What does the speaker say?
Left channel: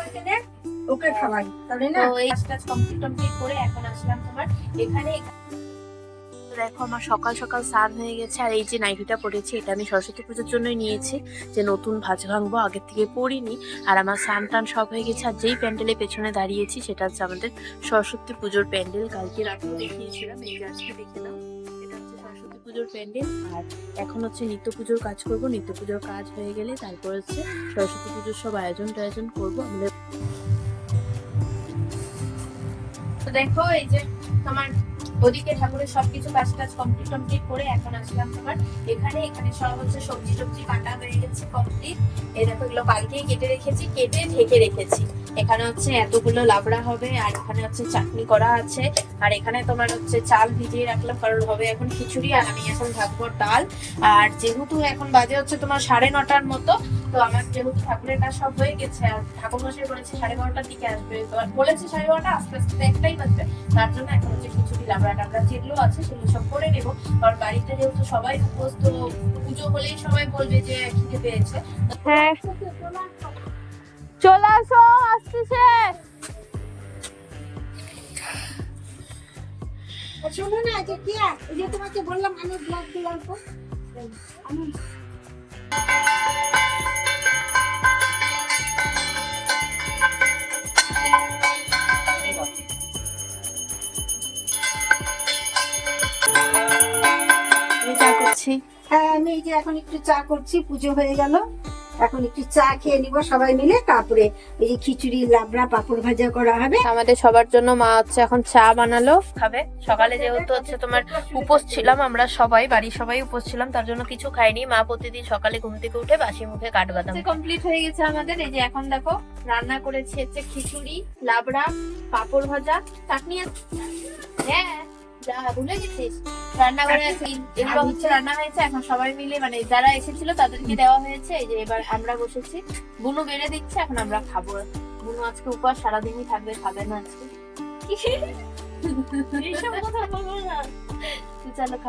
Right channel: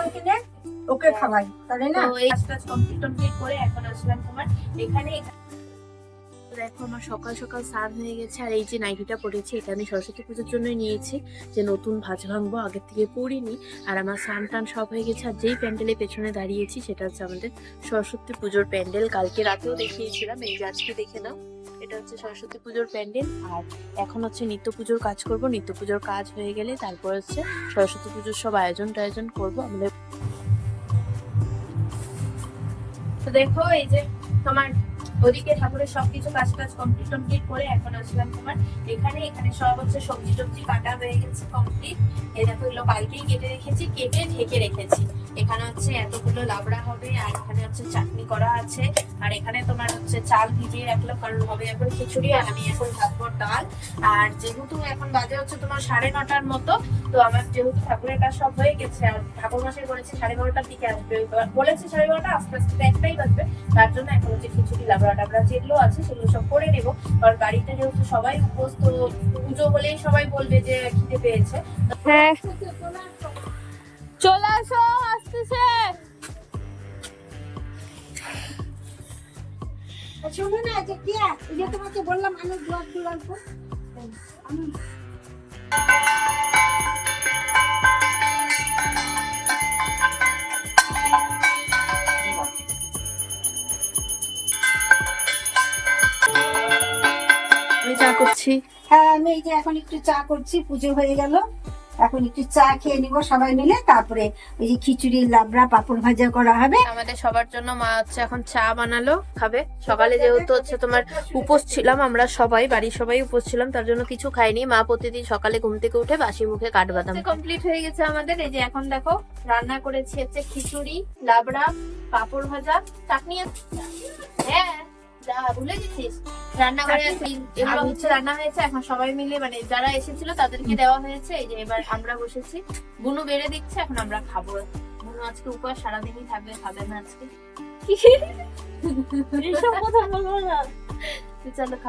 ওইখানে ওকে খাওয়াই তাহলে না এই কাজটা কমপ্লিট কমপ্লিট করে এখন আসলাম তোমার। এখানে দেখো আমার সকাল সকাল স্নান হয়ে গেছে আর এই যে নাইটিটা পরেছি এটা আমি সরস্বতী পুজোর জন্যই নিয়েছি যে নতুন ভাজ ভাঙবো আগের থেকে পরিনি আর আমার স্নান টান সব হয়ে গেছে আর যেই প্যান্ডেলের পেছনে দাঁড়িয়েছি সেটা হচ্ছে আমাদের সরস্বতী পুজোর প্যান্ডেল কালকে রাতেও দেখিয়েছিলাম এই আজকে দেখে নাও। এটা হচ্ছে সরস্বতী পুজোর প্যান্ডেল। আর এখন হচ্ছে নিত্য পুজোর কাজ করব। নিত্য পুজোর কাজ হয়ে গেলে তারপর হচ্ছে সরস্বতী পুজোর সব আয়োজন টায়োজন করব। আমাদের দেখো, এই যে তোমার ওদিকে ঠাকুরের সবকিছু কাজ টাজ কমপ্লিট কমপ্লিট করে এখন আসলাম তোমার। এখানে এখানে সব হচ্ছে সবজি টবজি কাটা হয়ে গেছে কমপ্লিট এই দেখো, এগুলো কালকেই কেটে রেখেছি, কেটে ঢেকে রেখেছি। এখানে হচ্ছে এতগুলো লাবড়া হবে, আর এখানে হচ্ছে চাটনি করা আছে। আর এখানে তোমার হচ্ছে চাল ভিজিয়ে রাখলাম, কারণ হবে এখন খিচুড়ি আর আমি এখন ঢাকবো ডাল। আর যেহেতু এখন বাজে হচ্ছে তোমার সাড়ে নটার মতো, তো আমার যেহেতু ঠাকুরের কাজ সব হয়ে গেছে ঠাকুর মশাই বলেছে সাড়ে বারোটার দিকে আসবে। বলেছে সাড়ে বারোটা আস্তে আস্তে একটাই বাজবে। তার জন্য এখন হচ্ছে খিচুড়ি, লাবড়া টাবড়া যেগুলো আছে সেগুলো সব করে নেব। কারণ বাড়িতে যেহেতু সবাই উপোস পুজো হলেই সবাই বলবে যে খিদে পেয়েছে। হ্যাঁ। চলে আসো। আসতেছে। শোনো না যে কি এই যে তোমাকে বললাম আলুর ব্লকগুলো অল্প। আমি আমি চা করছি। হ্যাঁ আমি এই যে এখন একটু চা করছি পুজো হয়ে গেল। এখন একটু চা খেয়ে নিব সবাই মিলে তারপরে এই যে খিচুড়ি লাবড়া পাপড় ভাজা করা হবে। আমাদের সবার জন্য মা হচ্ছে এখন চা বানালো খাবে। সকালে যেহেতু হচ্ছে তোমার উপোস ছিলাম আমরা সবাই বাড়ির সবাই উপোস ছিলাম তার জন্য কিছু খাইনি। মা প্রতিদিন সকালে ঘুম থেকে উঠে বাসি মুখে কাঠবাদাম কমপ্লিট হয়ে গেছে আমাদের। এই যে এখন দেখো রান্না করেছি হচ্ছে খিচুড়ি লাবড়া পাপড় ভাজা চাটনি। হ্যাঁ যা ভুলে গেছিস। রান্না করে এগুলো হচ্ছে রান্না হয়েছে এখন সবাই মিলে মানে যারা এসেছিল তাদেরকে দেওয়া হয়েছে এই যে এবার আমরা বসেছি। বুনু বেড়ে দিচ্ছে এখন আমরা খাব। বুনু আজকে উপর সারাদিনই থাকবে খাবে না আজকে। এইসব কথা বলব না। চলো।